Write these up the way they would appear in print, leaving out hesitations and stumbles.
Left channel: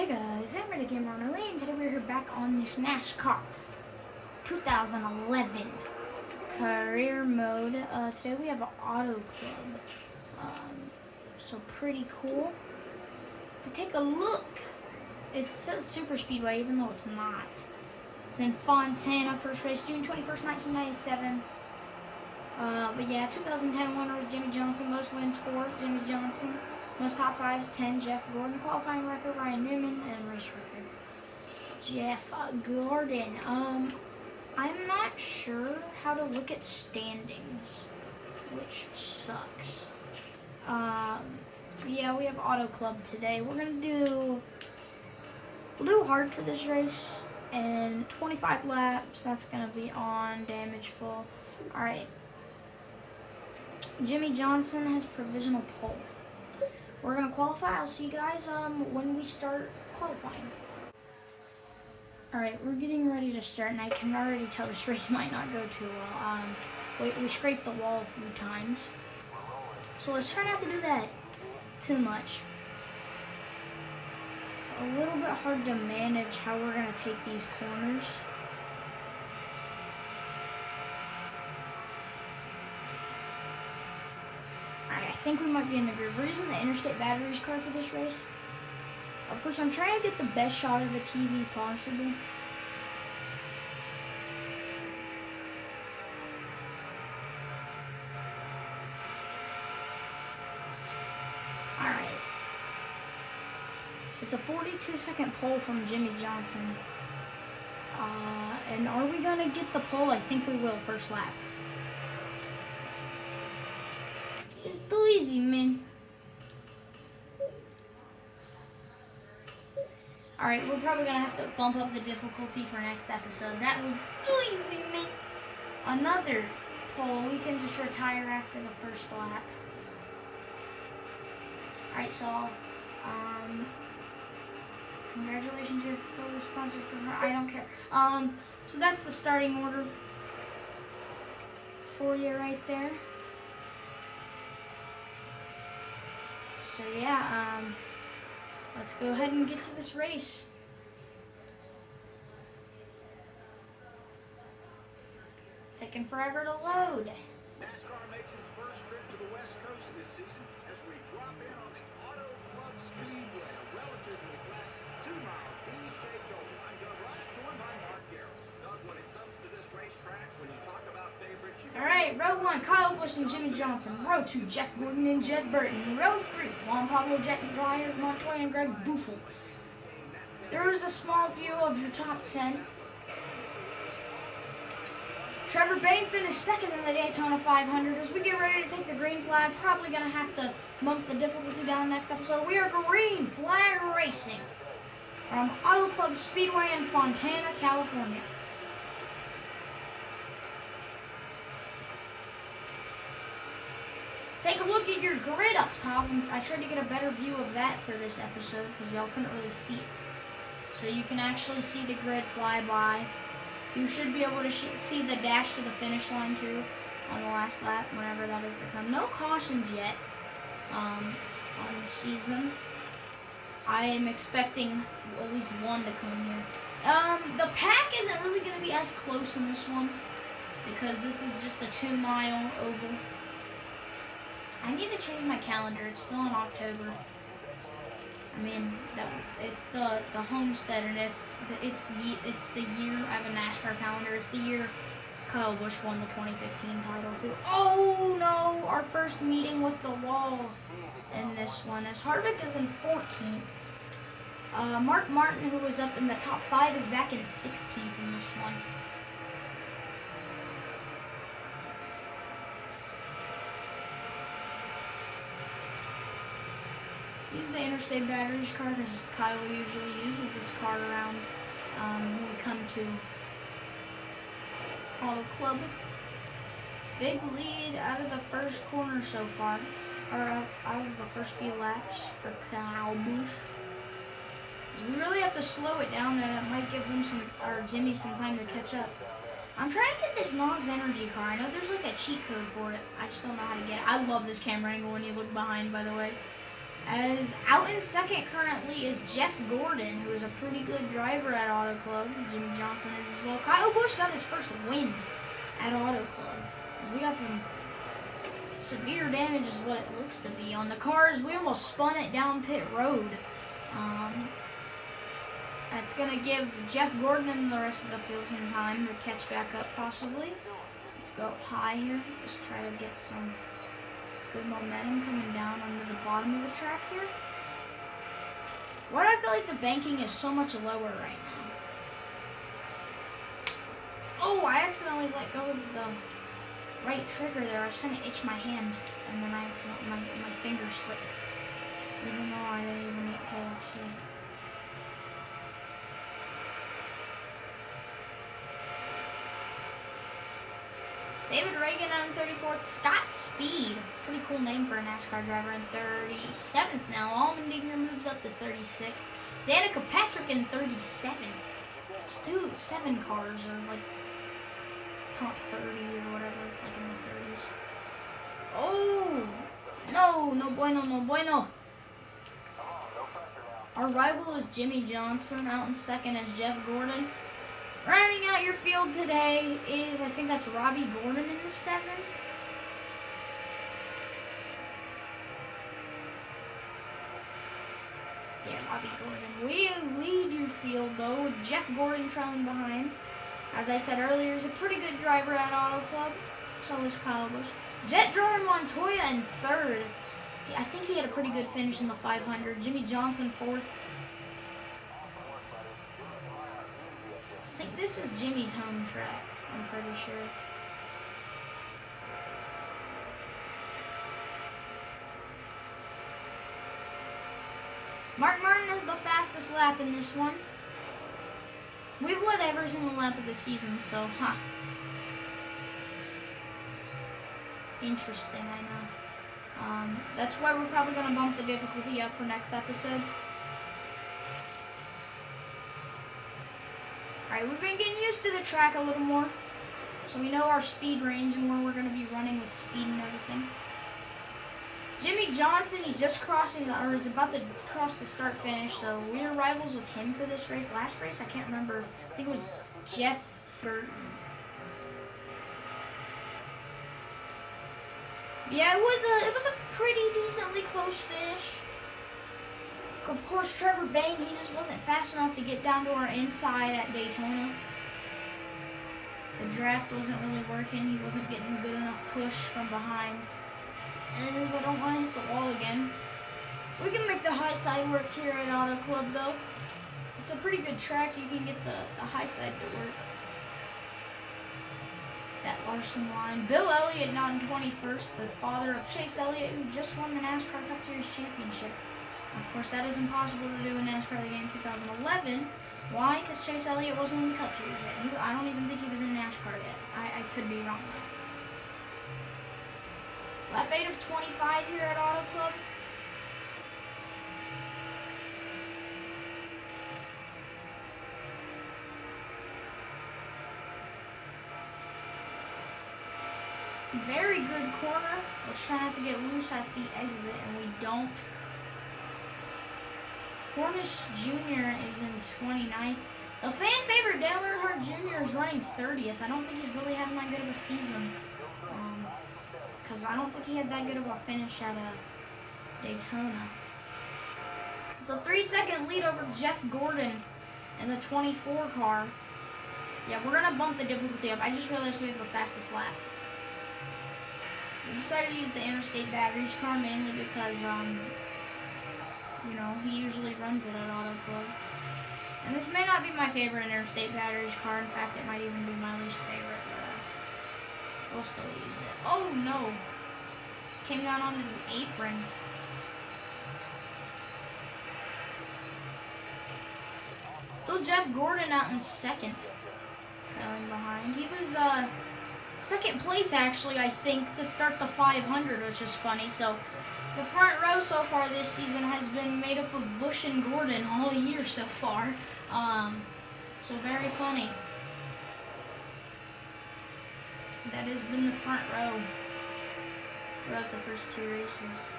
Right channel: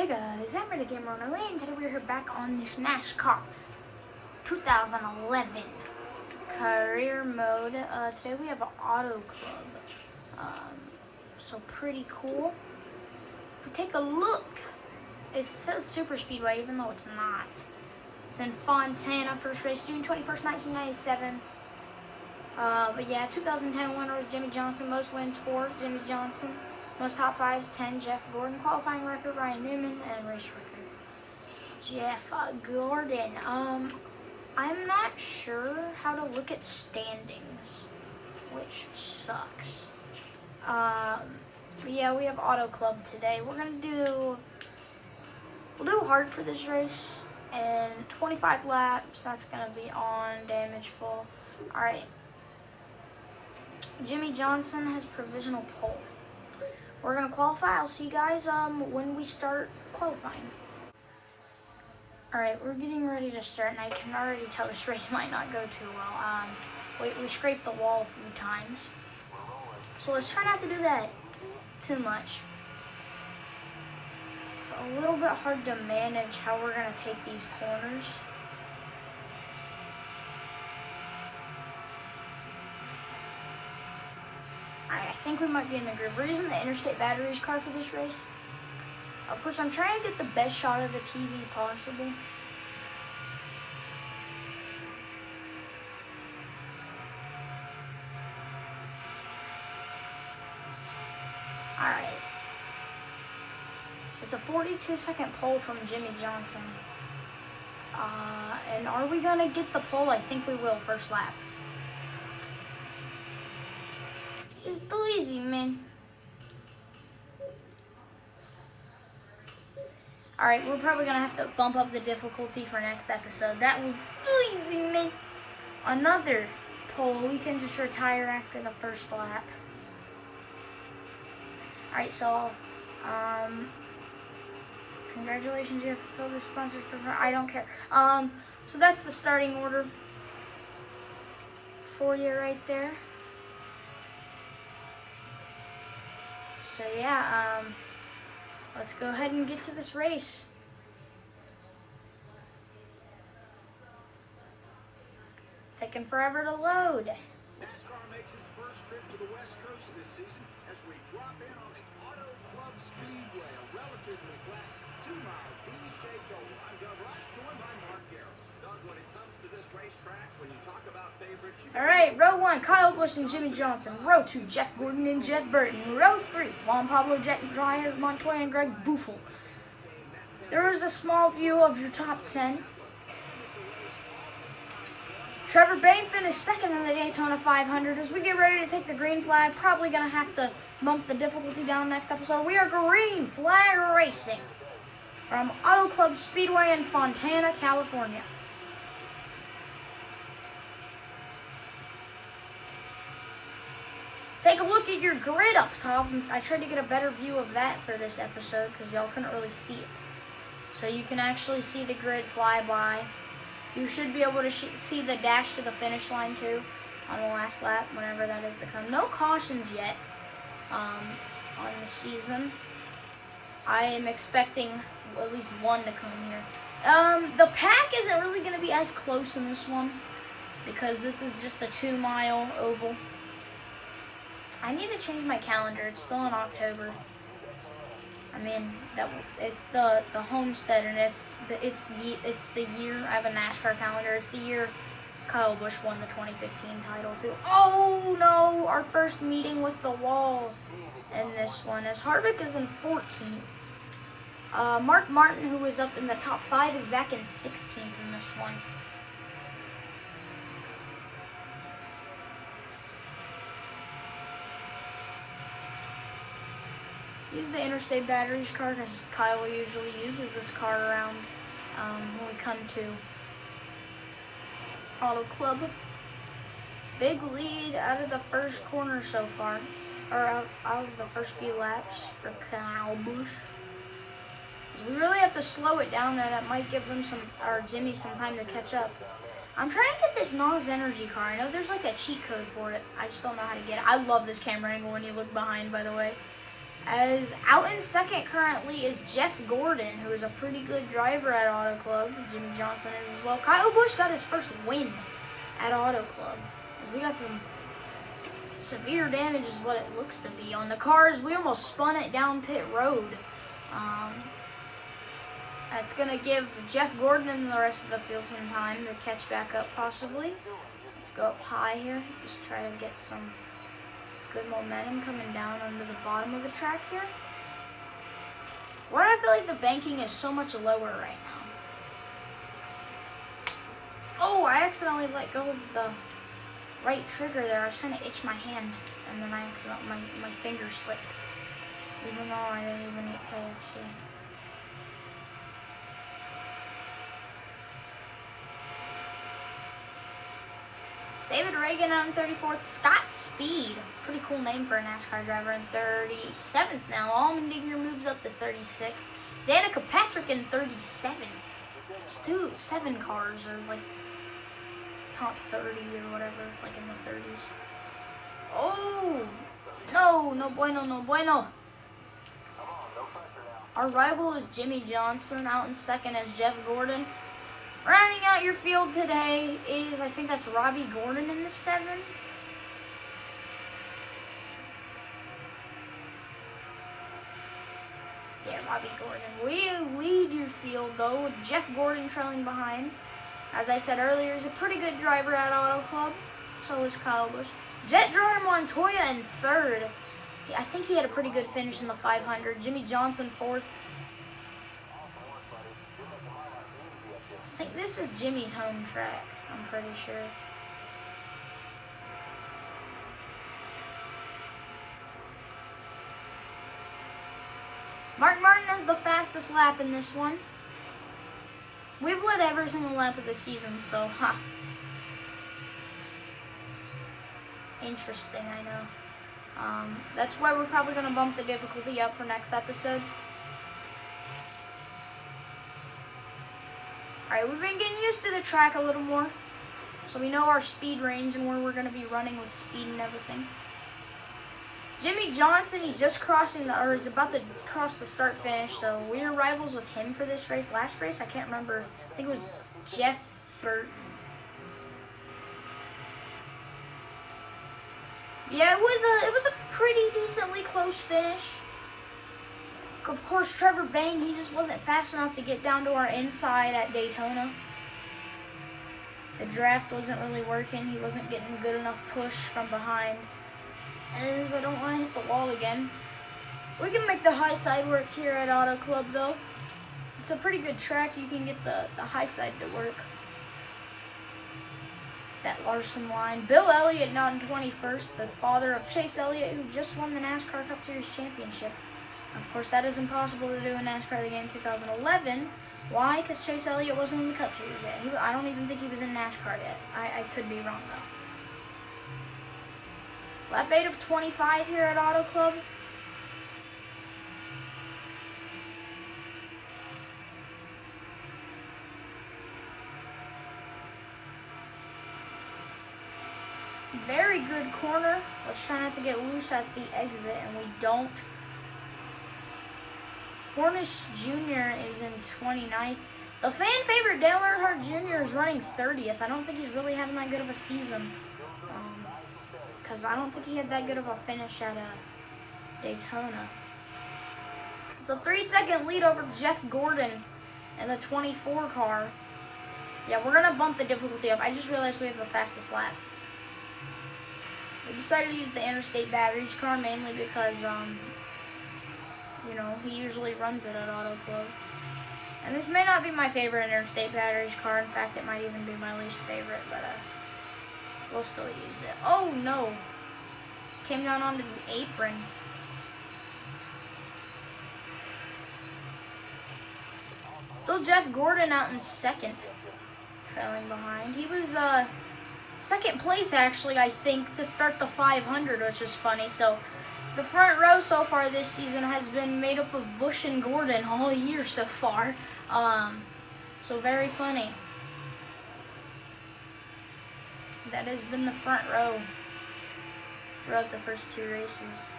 Hey guys, I'm Ready Gamer on and today we're here back on this NASCAR 2011 career mode. Today we have an auto club, so pretty cool. If we take a look, it says Super Speedway even though it's not. It's in Fontana, first race June 21st, 1997. But yeah, 2010 winner was Jimmy Johnson, most wins for Jimmy Johnson. Most top fives, 10, Jeff Gordon. Qualifying record, Ryan Newman. And race record, Jeff Gordon. I'm not sure how to look at standings, which sucks. But yeah, we have Auto Club today. We'll do hard for this race, and 25 laps. That's gonna be on damage full. All right. Jimmy Johnson has provisional pole. We're gonna qualify. I'll see you guys when we start qualifying. All right, we're getting ready to start, and I can already tell this race might not go too well. We scraped the wall a few times, so let's try not to do that too much. It's a little bit hard to manage how we're gonna take these corners. I think we might be in the groove. We're using the Interstate Batteries car for this race. Of course, I'm trying to get the best shot of the TV possible. Alright. It's a 42-second pole from Jimmy Johnson. And are we going to get the pole? I think we will, first lap. It's too easy, man. Alright, we're probably going to have to bump up the difficulty for next episode. That was too easy, man. Another pole. We can just retire after the first lap. Alright, so, congratulations, you fulfilled the sponsor's program. I don't care. So that's the starting order for you right there. So yeah, let's go ahead and get to this race. Taking forever to load. NASCAR makes its first trip to the West Coast this season as we drop in on the Auto Club Speedway, a relatively flat 2-mile V-shaped oval. I'm Doug Rush, joined by Mark Garrett. Doug, when it comes to this racetrack, when you talk about favorites, All right, row 1, Kyle Busch and Jimmy Johnson. Row 2, Jeff Gordon and Jeff Burton. Row 3, Juan Pablo, Jack Dreyer, Montoya, and Greg Buffel. There is a small view of your top 10. Trevor Bayne finished second in the Daytona 500. As we get ready to take the green flag, probably going to have to bump the difficulty down next episode. We are green flag racing from Auto Club Speedway in Fontana, California. Take a look at your grid up top. I tried to get a better view of that for this episode because y'all couldn't really see it. So you can actually see the grid fly by. You should be able to see the dash to the finish line too on the last lap, whenever that is to come. No cautions yet on the season. I am expecting at least one to come here. The pack isn't really going to be as close in this one because this is just a 2-mile oval. I need to change my calendar. It's still in October. I mean, it's the Homestead, and it's the year. I have a NASCAR calendar. It's the year Kyle Busch won the 2015 title too. Oh no! Our first meeting with the wall in this one, as Harvick is in 14th. Mark Martin, who was up in the top 5, is back in 16th in this one. Use the Interstate Batteries car because Kyle usually uses this car around when we come to Auto Club. Big lead out of the first corner so far, or out of the first few laps for Kyle Busch. We really have to slow it down there. That might give him Jimmy some time to catch up. I'm trying to get this NOS Energy car. I know there's like a cheat code for it. I just don't know how to get it. I love this camera angle when you look behind, by the way. As out in second currently is Jeff Gordon, who is a pretty good driver at Auto Club. Jimmy Johnson is as well. Kyle Busch got his first win at Auto Club. As we got some severe damage is what it looks to be on the cars. We almost spun it down pit road. That's going to give Jeff Gordon and the rest of the field some time to catch back up possibly. Let's go up high here. Just try to get some good momentum coming down under the bottom of the track here. Why do I feel like the banking is so much lower right now? Oh, I accidentally let go of the right trigger there. I was trying to itch my hand, and then I accidentally, my finger slipped. Even though I didn't even eat KFC. David Reagan on 34th. Scott Speed. Pretty cool name for a NASCAR driver in 37th now. Allmendinger moves up to 36th. Danica Patrick in 37th. There's 7 cars are like top 30 or whatever, like in the 30s. Oh! No, no bueno, no bueno. Our rival is Jimmy Johnson. Out in second as Jeff Gordon. Rounding out your field today is, I think that's Robbie Gordon in the 7. Yeah, Robbie Gordon. We lead your field though, with Jeff Gordon trailing behind. As I said earlier, he's a pretty good driver at Auto Club. So is Kyle Busch. Jet Dryer Montoya in 3rd. I think he had a pretty good finish in the 500. Jimmy Johnson 4th. I think this is Jimmy's home track, I'm pretty sure. Mark Martin has the fastest lap in this one. We've led every single lap of the season, so, Interesting, I know. That's why we're probably going to bump the difficulty up for next episode. Alright, we've been getting used to the track a little more. So we know our speed range and where we're going to be running with speed and everything. Jimmy Johnson, he's just crossing or he's about to cross the start finish. So we are rivals with him for this race. Last race, I can't remember. I think it was Jeff Burton. Yeah, it was a pretty decently close finish. Of course, Trevor Bayne, he just wasn't fast enough to get down to our inside at Daytona. The draft wasn't really working. He wasn't getting good enough push from behind. And I don't want to hit the wall again. We can make the high side work here at Auto Club, though. It's a pretty good track. You can get the high side to work. That Larson line. Bill Elliott not in 21st, the father of Chase Elliott, who just won the NASCAR Cup Series Championship. Of course, that is impossible to do in NASCAR the Game 2011. Why? Because Chase Elliott wasn't in the Cup Series yet. I don't even think he was in NASCAR yet. I could be wrong, though. Lap 8 of 25 here at Auto Club. Very good corner. Let's try not to get loose at the exit, and we don't. Hornish Jr. is in 29th. The fan favorite Dale Earnhardt Jr. is running 30th. I don't think he's really having that good of a season. Because I don't think he had that good of a finish at Daytona. It's a 3-second lead over Jeff Gordon in the 24 car. Yeah, we're going to bump the difficulty up. I just realized we have the fastest lap. We decided to use the Interstate Batteries car mainly because, you know, he usually runs it at Auto Club. And this may not be my favorite Interstate Batteries car. In fact, it might even be my least favorite, but we'll still use it. Oh, no. Came down onto the apron. Still Jeff Gordon out in second, trailing behind. He was, second place, actually, I think, to start the 500, which is funny. So the front row so far this season has been made up of Busch and Gordon all year so far. So very funny. That has been the front row throughout the first 2 races.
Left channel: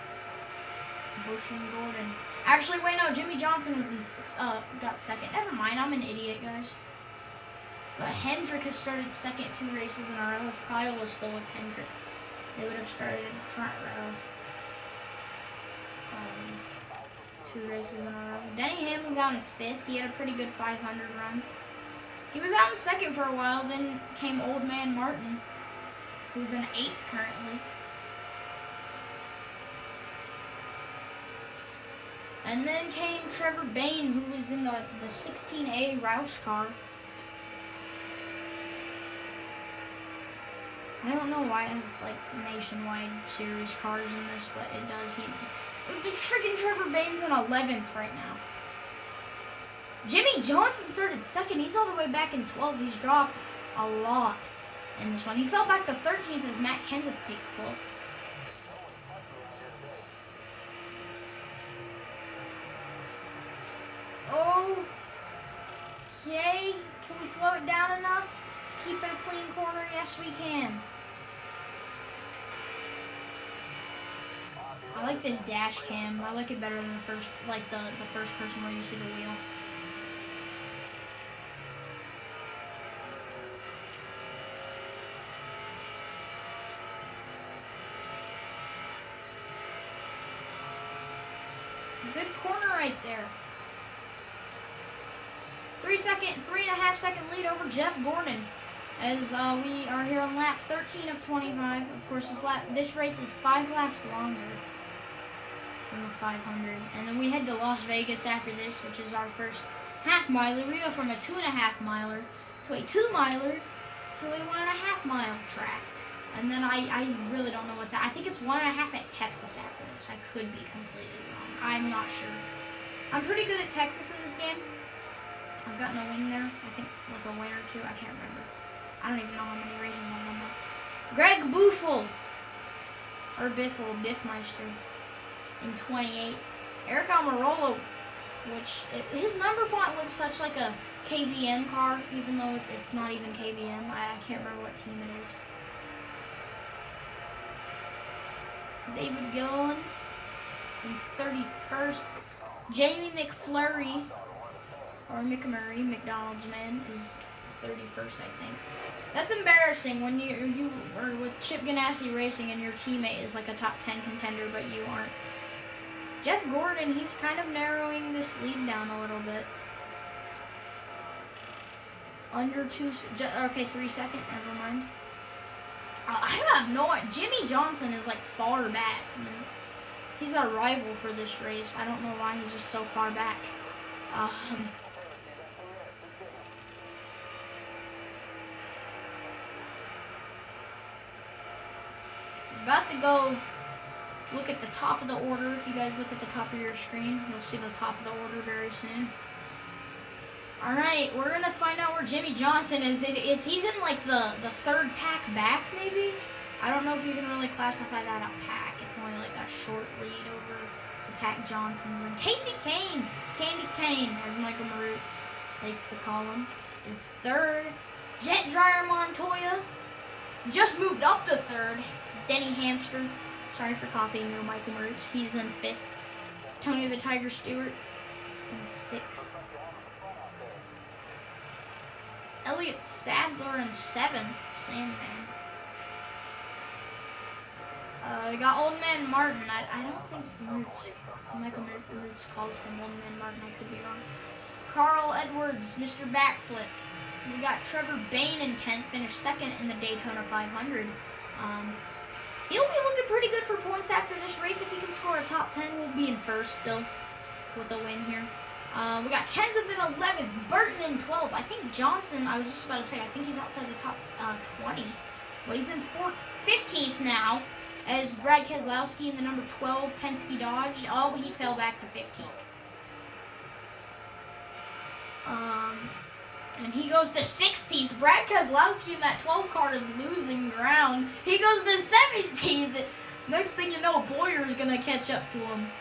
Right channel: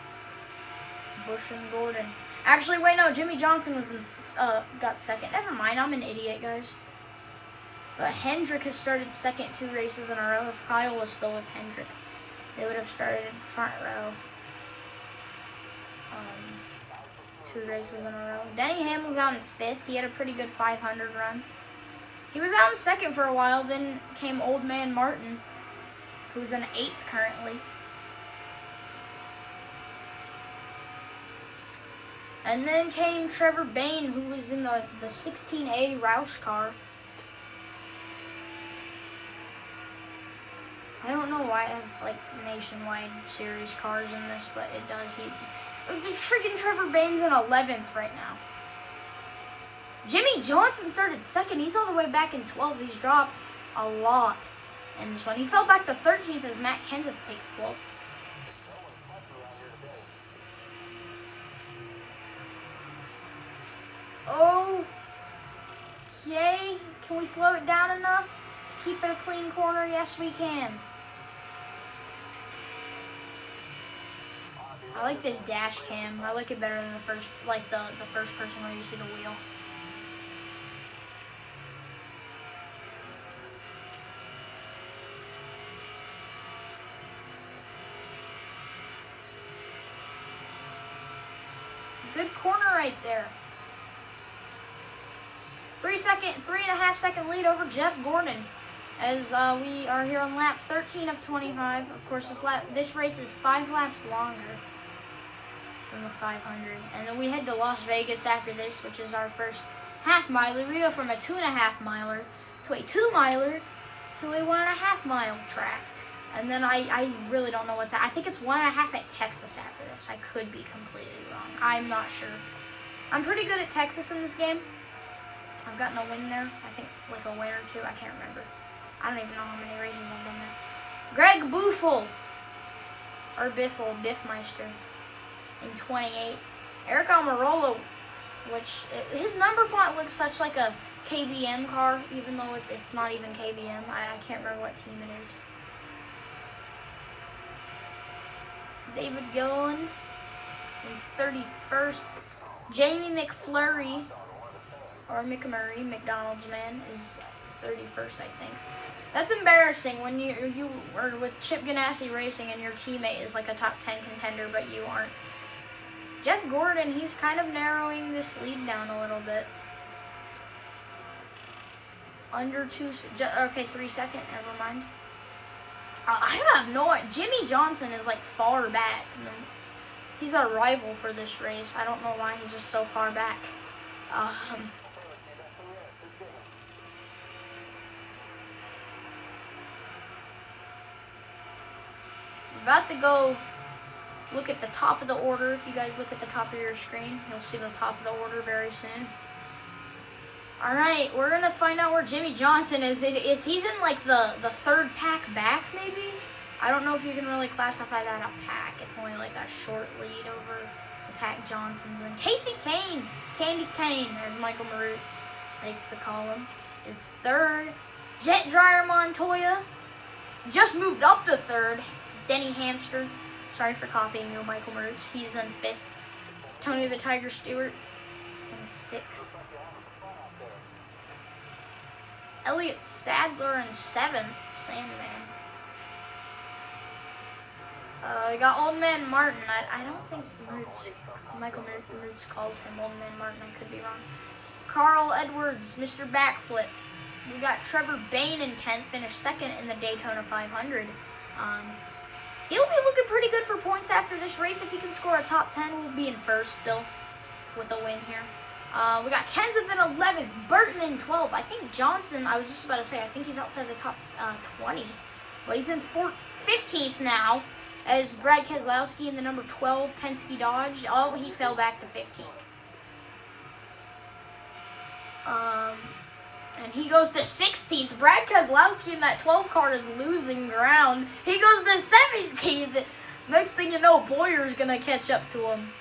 Busch and Gordon. Actually, wait, no, Jimmy Johnson was got second. Never mind, I'm an idiot, guys. But Hendrick has started second 2 races in a row. If Kyle was still with Hendrick, they would have started front row 2 races in a row. Denny Hamlin's out in 5th. He had a pretty good 500 run. He was out in 2nd for a while. Then came Old Man Martin, who's in 8th currently. And then came Trevor Bayne, who was in the 16A Roush car. I don't know why it has like nationwide series cars in this, but it does. Freaking Trevor Bayne's in 11th right now. Jimmy Johnson started 2nd. He's all the way back in 12th. He's dropped a lot in this one. He fell back to 13th as Matt Kenseth takes 12th. Okay, can we slow it down enough to keep it a clean corner? Yes, we can. I like this dash cam. I like it better than the first, like the first person where you see the wheel. Good corner right there. 3.5 second lead over Jeff Gordon as we are here on lap 13 of 25. Of course, this race is 5 laps longer than the 500. And then we head to Las Vegas after this, which is our first half miler. We go from a 2.5 miler to a 2 miler to a 1.5 mile track. And then I really don't know what's at. I think it's 1.5 at Texas after this. I could be completely wrong. I'm not sure. I'm pretty good at Texas in this game. I've gotten a win there. I think like a win or 2. I can't remember. I don't even know how many races I've been there. Greg Buffel, or Biffle, Biffmeister, in 28. Eric Almirola, which his number font looks such like a KBM car, even though it's not even KBM. I can't remember what team it is. David Gillen in 31st. Jamie McFlurry, or McMurray, McDonald's man, is 31st, I think. That's embarrassing when you are with Chip Ganassi Racing and your teammate is like a top 10 contender, but you aren't. Jeff Gordon, he's kind of narrowing this lead down a little bit. Under 2, okay, 3 seconds, never mind. I have no idea. Jimmy Johnson is like far back. He's our rival for this race. I don't know why he's just so far back. About to go look at the top of the order. If you guys look at the top of your screen, you'll see the top of the order very soon. Alright, we're going to find out where Jimmy Johnson is. He's in like the 3rd pack back, maybe? I don't know if you can really classify that a pack. It's only like a short lead over the pack Johnsons. And Casey Kane, Candy Kane, as Michael Marutz likes to call him, is 3rd. Jet Dryer Montoya just moved up to 3rd. Denny Hamster, sorry for copying you, Michael Marutz. He's in 5th. Tony the Tiger Stewart in 6th. Elliott Sadler in 7th, Sandman. We got Old Man Martin. I don't think Michael Marutz calls him Old Man Martin. I could be wrong. Carl Edwards, Mr. Backflip. We got Trevor Bayne in 10th, finished 2nd in the Daytona 500. He'll be looking pretty good for points after this race. If he can score a top 10, we'll be in 1st still with a win here. We got Kenseth in 11th, Burton in 12th. I think Johnson, I was just about to say, I think he's outside the top 20. But he's in 15th now, as Brad Keselowski in the number 12 Penske Dodge. Oh, he fell back to 15th. And he goes to 16th. Brad Keselowski in that 12 car is losing ground. He goes to 17th. Next thing you know, Boyer's going to catch up to him.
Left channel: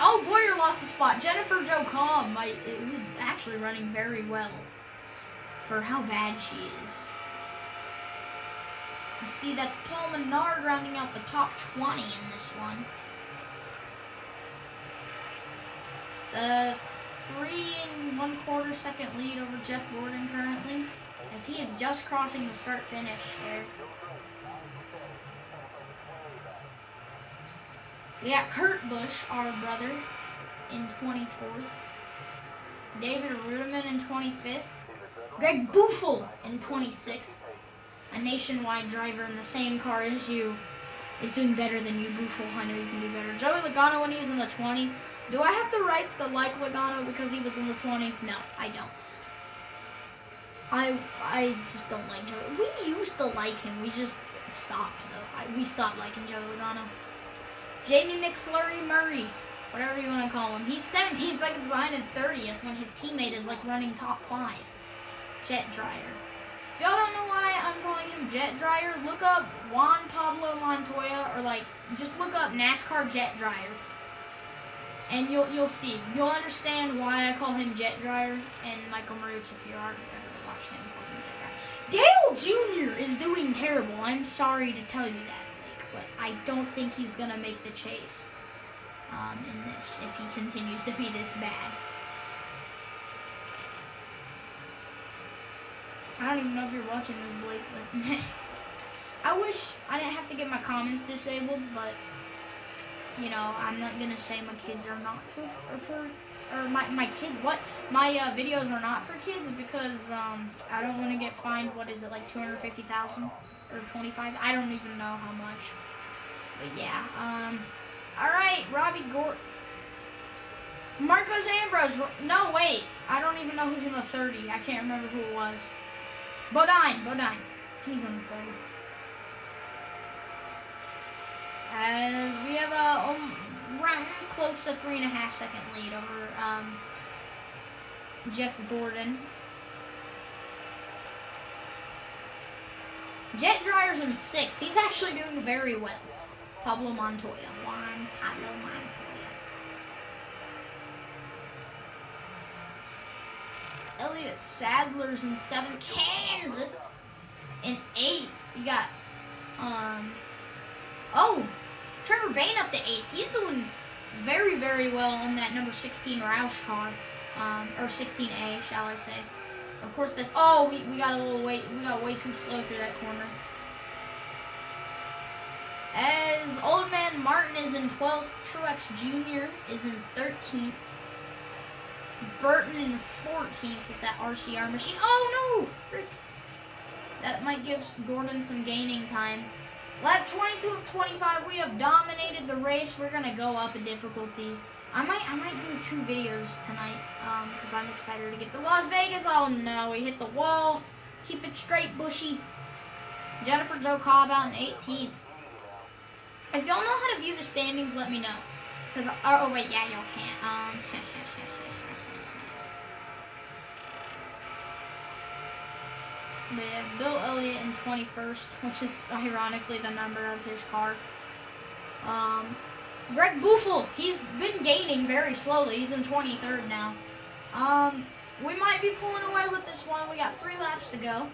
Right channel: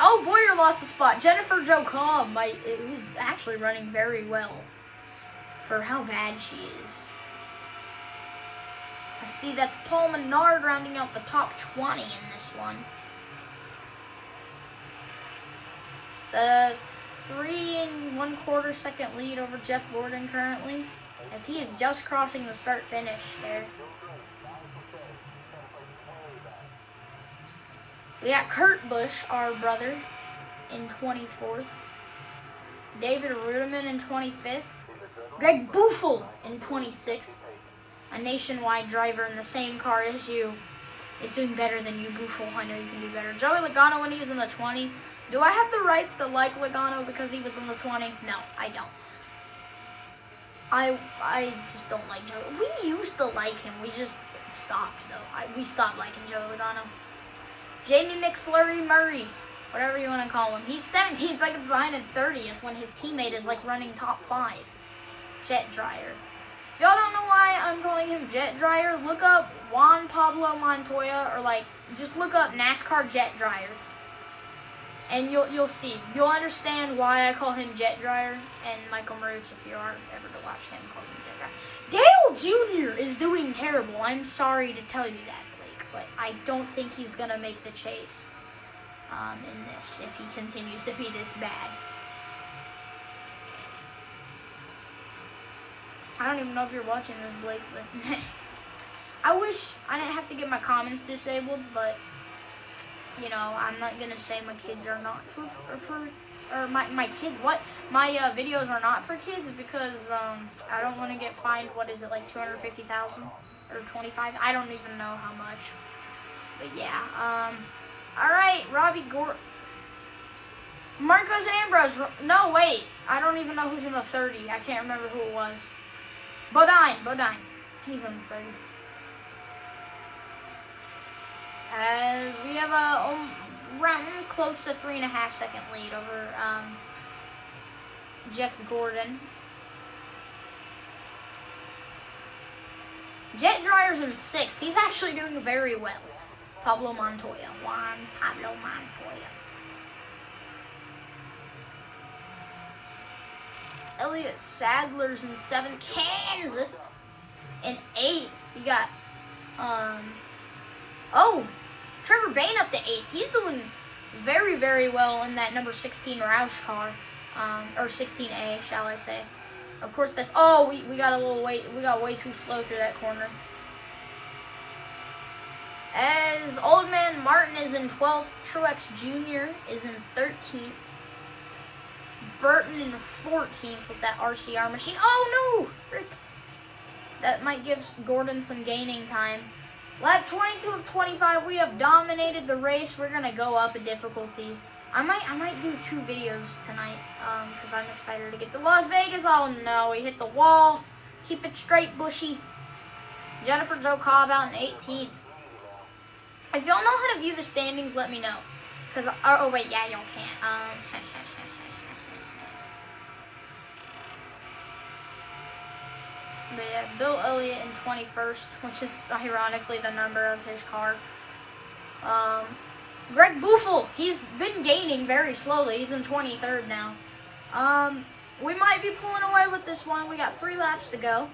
Oh, Boyer lost a spot. Jennifer Jo Cobb is actually running very well for how bad she is. I see that's Paul Menard rounding out the top 20 in this one. It's a 3 1/4 second lead over Jeff Gordon currently, as he is just crossing the start-finish there. We got Kurt Busch, our brother, in 24th. David Ruderman in 25th. Greg Buffel in 26th. A nationwide driver in the same car as you is doing better than you, Buffel. I know you can do better. Joey Logano when he was in the 20. Do I have the rights to like Logano because he was in the 20? No, I don't. I just don't like Joey. We used to like him. We just stopped, though. We stopped liking Joey Logano. Jamie McFlurry Murray, whatever you want to call him. He's 17 seconds behind in 30th when his teammate is like running top 5. Jet Dryer. If y'all don't know why I'm calling him Jet Dryer, look up Juan Pablo Montoya, or like just look up NASCAR Jet Dryer, and you'll see. You'll understand why I call him Jet Dryer. And Michael Marutz, if you are ever to watch him, calls him Jet Dryer. Dale Jr. is doing terrible. I'm sorry to tell you that, Blake, but I don't think he's gonna make the chase in this if he continues to be this bad. I don't even know if you're watching this, Blake, but I wish I didn't have to get my comments disabled, but, you know, I'm not going to say my kids are not my kids, what? My videos are not for kids because I don't want to get fined, what is it, like 250,000 or 25? I don't even know how much. But yeah, alright, Robbie Gordon. Marcos Ambrose, no, wait, I don't even know who's in the 30. I can't remember who it was. Bodine, he's in the 30. As we have a round close to 3.5 second lead over Jeff Gordon. Jet Dryer's in 6th. He's actually doing very well. Juan Pablo Montoya. Elliott Sadler's in 7th. Kansas in 8th. You got Trevor Bayne up to 8th. He's doing very, very well in that number 16 Roush car, or 16A, shall I say? Of course, that's we got a little we got way too slow through that corner. As Old Man Martin is in 12th, Truex Jr. is in 13th. Burton in 14th with that RCR machine. Oh no! Frick. That might give Gordon some gaining time. Lap 22 of 25, we have dominated the race. We're gonna go up a difficulty. I might do 2 videos tonight, because I'm excited to get to Las Vegas. Oh no, we hit the wall. Keep it straight, Bushy. Jennifer Jo Cobb out in 18th. If y'all know how to view the standings, let me know. Cause oh wait, yeah, y'all can't. But yeah, Bill Elliott in 21st, which is ironically the number of his car. Greg Buffel, he's been gaining very slowly. He's in 23rd now. We might be pulling away with this one. We got 3 laps to go.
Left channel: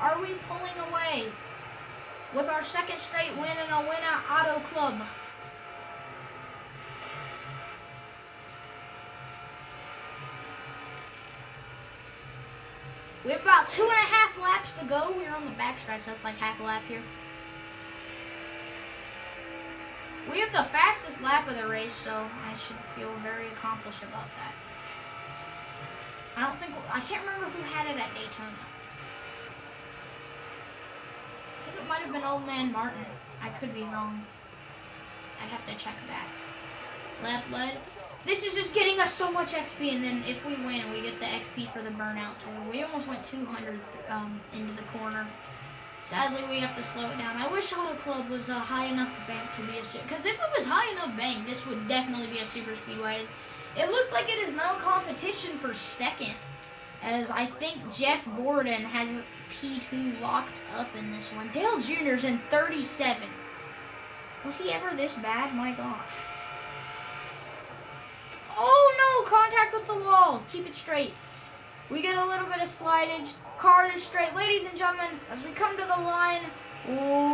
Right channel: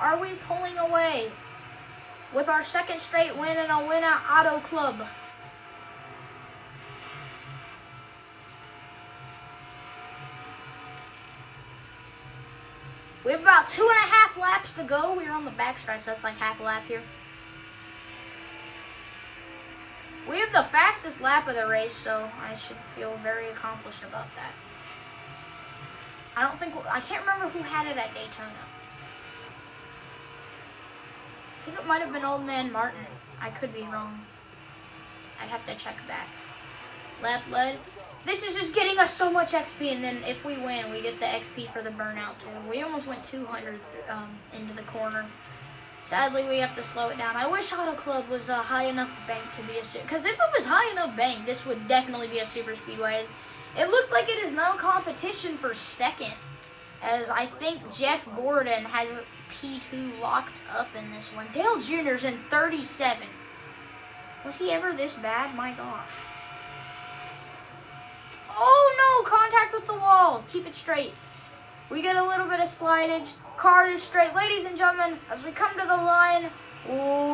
Are we pulling away with our 2nd straight win in a win at Auto Club? We have about 2.5 laps to go. We're on the backstretch. That's like half a lap here. We have the fastest lap of the race, so I should feel very accomplished about that. I can't remember who had it at Daytona. I think it might have been Old Man Martin. I could be wrong. I'd have to check back. Lap led. This is just getting us so much XP, and then if we win, we get the XP for the burnout too. We almost went 200 into the corner. Sadly, we have to slow it down. I wish Auto Club was a high enough bank to be a because if it was high enough bank, this would definitely be a super speedway. It looks like it is no competition for 2nd, as I think Jeff Gordon has P2 locked up in this one. Dale Jr.'s in 37th. Was he ever this bad? My gosh. Oh no, contact with the wall. Keep it straight. We get a little bit of slidage. Card is straight. Ladies and gentlemen, as we come to the line,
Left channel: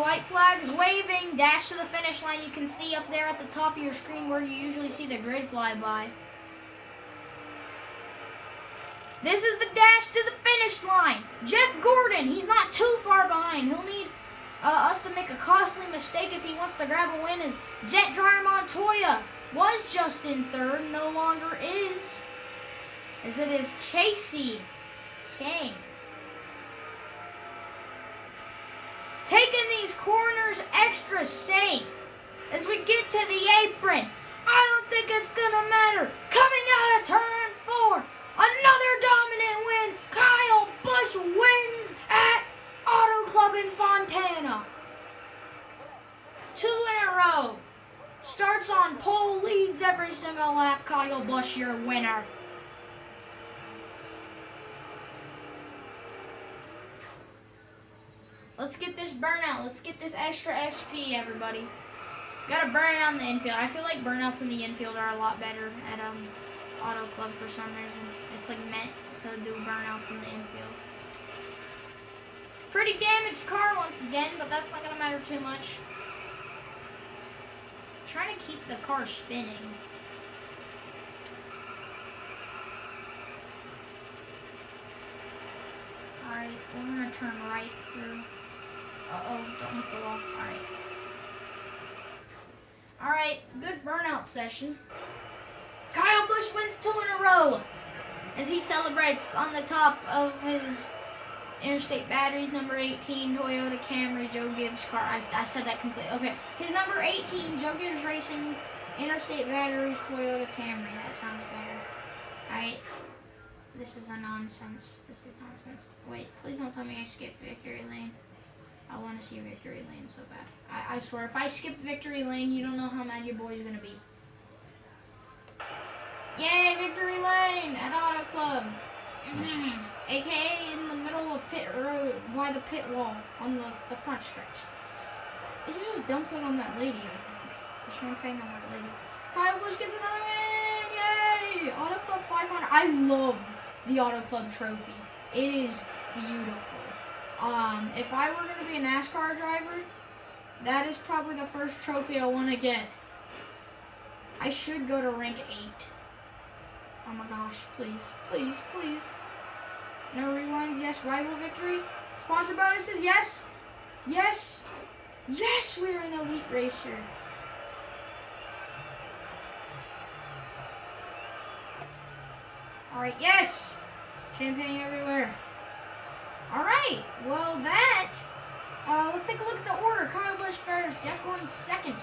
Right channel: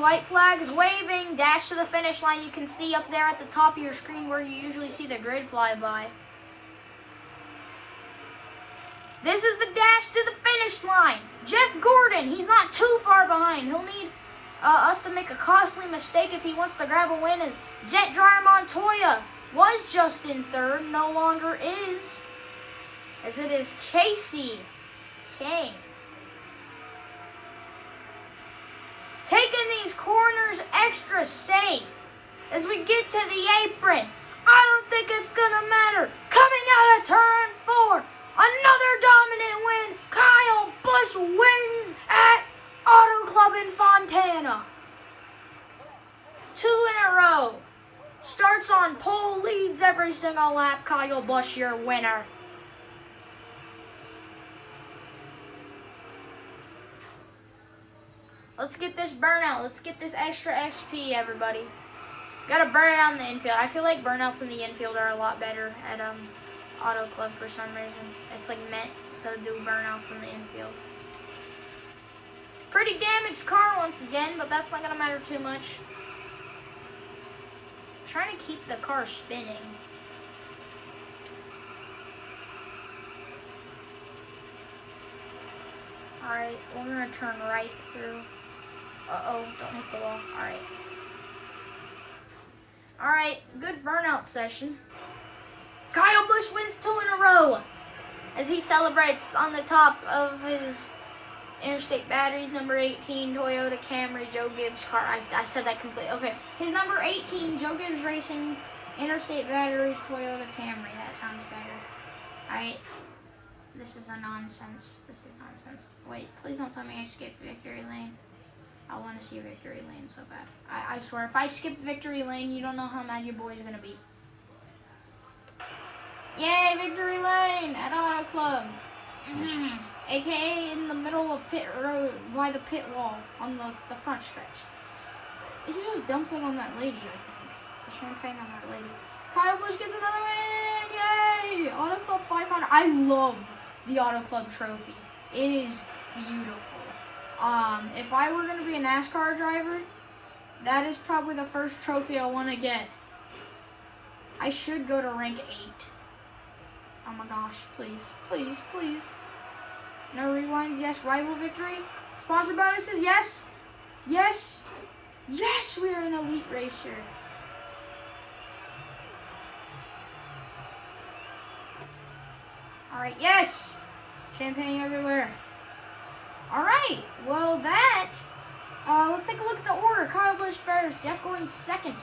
white flags waving, dash to the finish line. You can see up there at the top of your screen where you usually see the grid fly by. This is the dash to the finish line. Jeff Gordon, he's not too far behind. He'll need us to make a costly mistake if he wants to grab a win, as Jet Dryer Montoya was just in third, no longer is, as it is Casey Kane. Taking these corners extra safe as we get to the apron. I don't think it's gonna matter. Coming out of turn 4, another dominant win. Kyle Busch wins at Auto Club in Fontana. 2 in a row. Starts on pole, leads every single lap. Kyle Busch, your winner. Let's get this burnout. Let's get this extra XP, everybody. Gotta burn it out in the infield. I feel like burnouts in the infield are a lot better at Auto Club for some reason. It's like meant to do burnouts in the infield. Pretty damaged car once again, but that's not gonna matter too much. Trying to keep the car spinning. Alright, we're gonna turn right through. Uh-oh, don't hit the wall. Alright. Alright, good burnout session. Kyle Busch wins 2 in a row as he celebrates on the top of his Interstate Batteries, number 18, Toyota Camry, Joe Gibbs car. I said that completely. Okay, his number 18, Joe Gibbs Racing, Interstate Batteries, Toyota Camry. That sounds better. Alright. This is a nonsense. This is nonsense. Wait, please don't tell me I skipped victory lane. I want to see victory lane so bad. I swear, if I skip victory lane, you don't know how mad your boy's gonna be. Yay, victory lane at Auto Club. AKA in the middle of pit road, by the pit wall, on the front stretch. He just dumped it on that lady, I think. The champagne on that lady. Kyle Busch gets another win! Yay! Auto Club 500. I love the Auto Club trophy. It is beautiful. If I were going to be a NASCAR driver, that is probably the first trophy I want to get. I should go to rank 8. Oh my gosh, please, please, please. No rewinds, yes. Rival victory. Sponsor bonuses, yes. Yes. Yes, we are an elite racer. Alright, yes. Champagne everywhere. Alright, well let's take a look at the order. Kyle Busch first, Jeff Gordon second,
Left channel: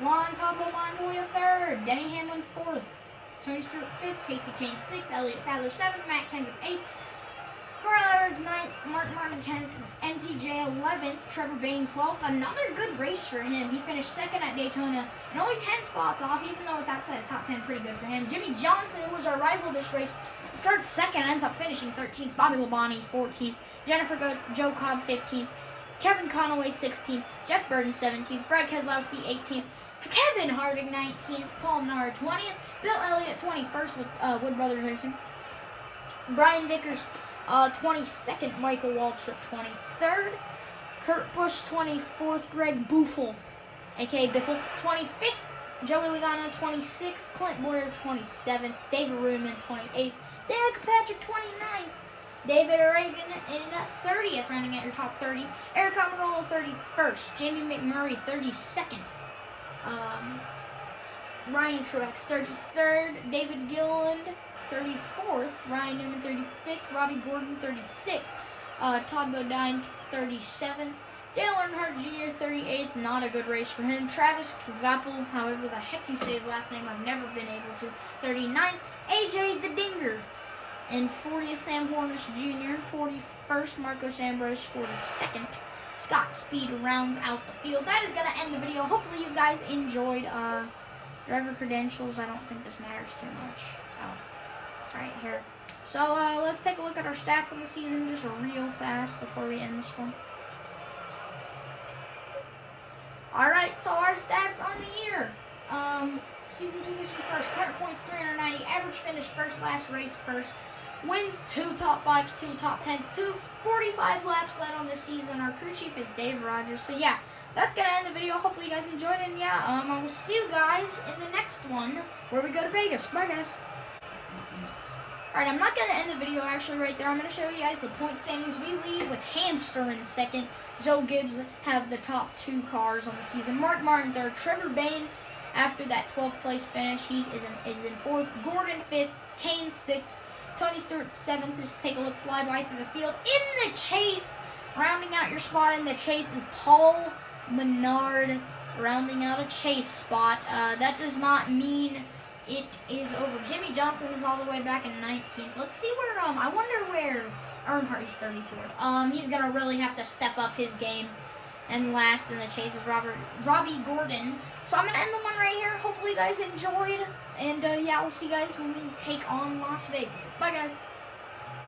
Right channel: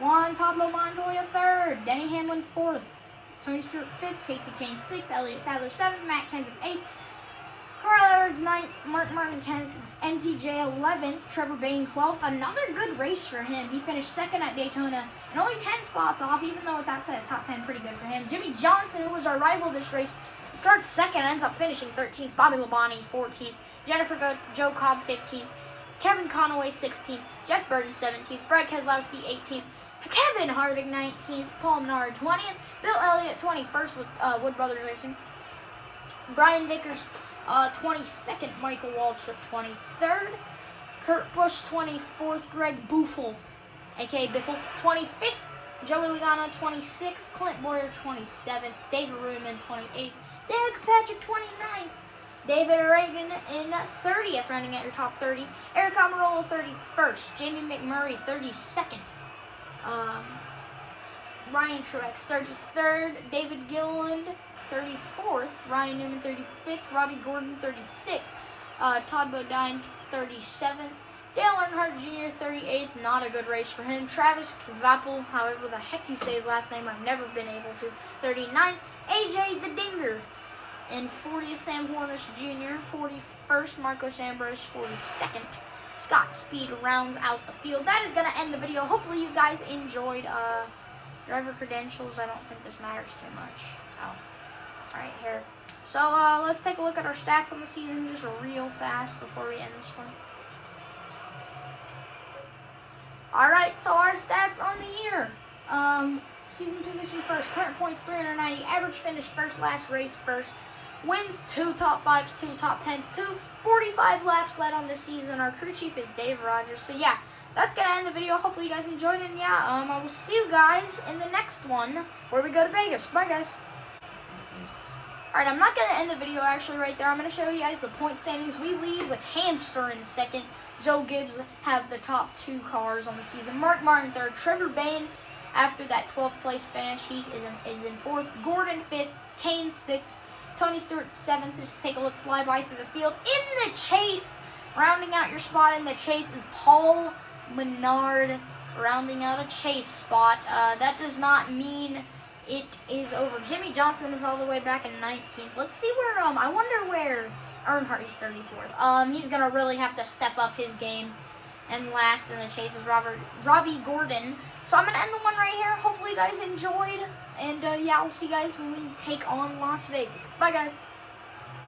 Juan Pablo Montoya third, Denny Hamlin fourth, Tony Stewart fifth, Casey Kane sixth, Elliott Sadler seventh, Matt Kenseth eighth, Carl Edwards ninth, Mark Martin 10th, MTJ 11th, Trevor Bayne 12th. Another good race for him. He finished second at Daytona and only 10 spots off, even though it's outside the top 10. Pretty good for him. Jimmy Johnson, who was our rival this race, starts second, ends up finishing 13th. Bobby Labonte 14th, Jennifer Joe Cobb 15th, Kevin Conaway 16th, Jeff Burton 17th, Brad Keselowski 18th, Kevin Harvick 19th, Paul Menard 20th, Bill Elliott 21st with Wood Brothers Racing, Brian Vickers 22nd, Michael Waltrip 23rd, Kurt Busch 24th, Greg Buffel, aka Biffle 25th, Joey Logano 26th, Clint Boyer 27th, David Rudeman 28th, Dan Kirkpatrick 29th, David Reagan in 30th, rounding out your top 30, Eric Almirola 31st, Jamie McMurray 32nd, Ryan Truex 33rd, David Gilliland 34th, Ryan Newman 35th, Robbie Gordon 36th, Todd Bodine 37th, Dale Earnhardt Jr. 38th, not a good race for him, Travis Vappel, however the heck you say his last name, I've never been able to, 39th, AJ the Dinger, and 40th, Sam Hornish Jr., 41st, Marcos Ambrose, 42nd, Scott Speed rounds out the field. That is going to end the video. Hopefully you guys enjoyed driver credentials. I don't think this matters too much. Right here. So let's take a look at our stats on the season just real fast before we end this one. Alright, so our stats on the year. Season position first, current points 390, average finish first, last race first, wins, 2 top 5s, 2 top 10s, 45 laps led on the season. Our crew chief is Dave Rogers. So yeah, that's gonna end the video. Hopefully you guys enjoyed it. Yeah, I will see you guys in the next one where we go to Vegas. Bye, guys. Alright, I'm not going to end the video actually right there. I'm going to show you guys the point standings. We lead with Hamster in second. Joe Gibbs have the top 2 cars on the season. Mark Martin third. Trevor Bayne, after that 12th place finish, he is in 4th. Gordon 5th. Kane 6th. Tony Stewart 7th. Just take a look, fly by through the field. In the chase, rounding out your spot in the chase is Paul Menard, rounding out a chase spot. That does not mean it is over. Jimmy Johnson is all the way back in 19th. Let's see where, I wonder where Earnhardt is 34th. He's going to really have to step up his game. And last in the chase is Robbie Gordon. So I'm going to end the one right here. Hopefully you guys enjoyed. And yeah, we'll see you guys when we take on Las Vegas. Bye, guys.